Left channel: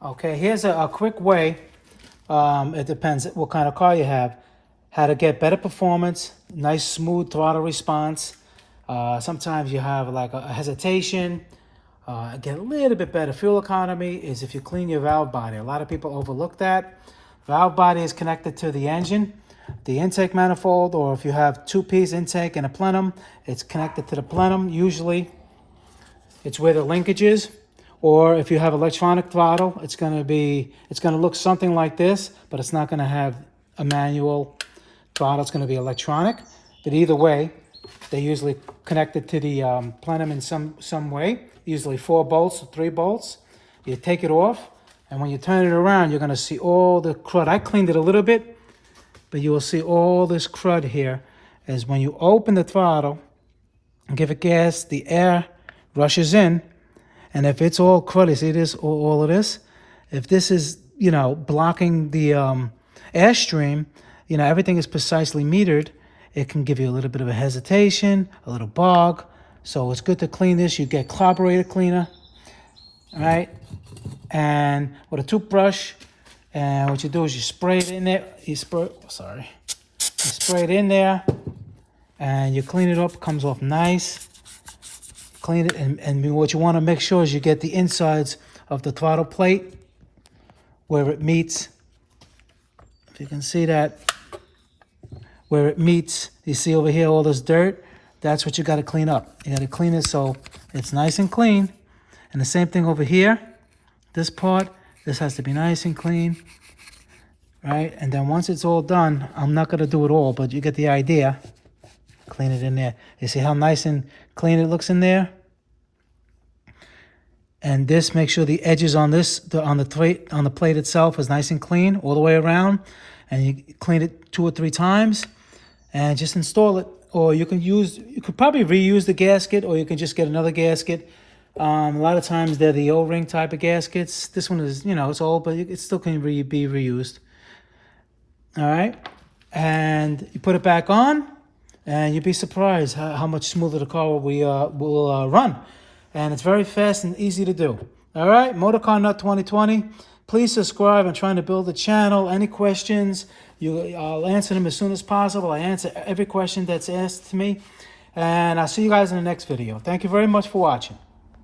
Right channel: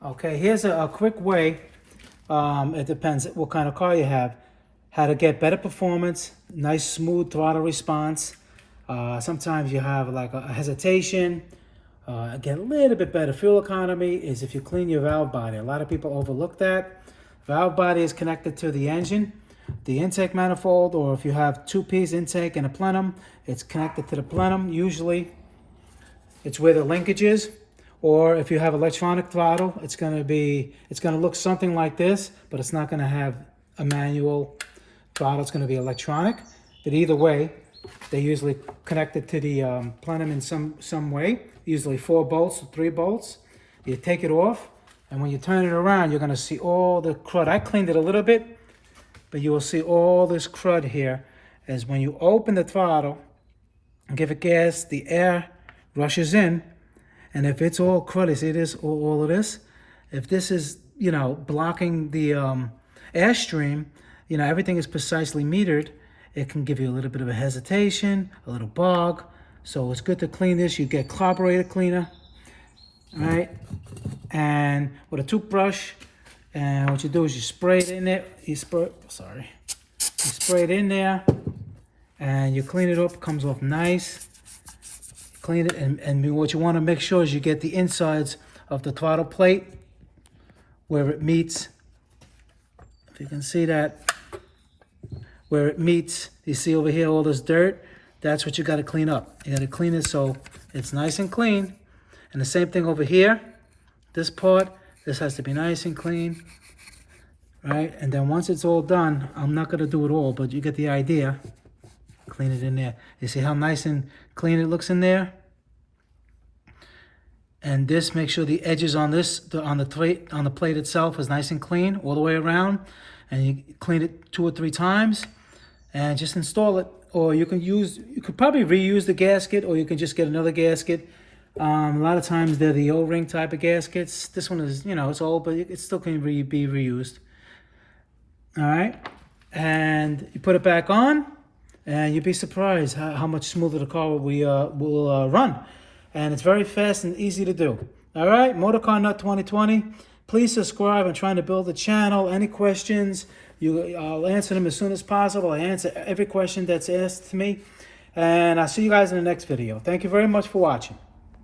Okay, here's a quick way, it depends what kind of car you have, how to get better performance, nice smooth throttle response. Sometimes you have like a hesitation. Get a little bit better fuel economy is if you clean your valve body. A lot of people overlook that. Valve body is connected to the engine, the intake manifold, or if you have two-piece intake and a plenum, it's connected to the plenum. Usually it's where the linkage is. Or if you have electronic throttle, it's gonna look something like this, but it's not gonna have a manual throttle, it's gonna be electronic. But either way, they're usually connected to the plenum in some way, usually 4 bolts or 3 bolts. You take it off, and when you turn it around, you're gonna see all the crud. I cleaned it a little bit, but you will see all this crud here, is when you open the throttle and give it gas, the air rushes in, and if it's all cruddy, see this, all of this? If this is, blocking the airstream, everything is precisely metered, it can give you a little bit of a hesitation, a little bog. So it's good to clean this. You get carburetor cleaner, all right? And with a toothbrush, and what you do is you spray it in there. You spray it in there, and you clean it up. It comes off nice. Clean it, and what you want to make sure is you get the insides of the throttle plate where it meets. If you can see that, where it meets, you see over here all this dirt, that's what you got to clean up. You got to clean it so it's nice and clean. And the same thing over here, this part, this has to be nice and clean, right? And then once it's all done, I'm not going to do it all, but you get the idea. Clean it in there. You see how nice and clean it looks in there? And this, make sure the edges on this, on the plate itself is nice and clean all the way around. And you clean it 2 or 3 times and just install it. Or you could probably reuse the gasket, or you can just get another gasket. A lot of times they're the O-ring type of gaskets. This one is, it's old, but it still can be reused. All right. And you put it back on, and you'd be surprised how much smoother the car will run. And it's very fast and easy to do. All right, Motorcarnut 2020. Please subscribe. I'm trying to build a channel. Any questions, I'll answer them as soon as possible. I answer every question that's asked to me. And I'll see you guys in the next video. Thank you very much for watching.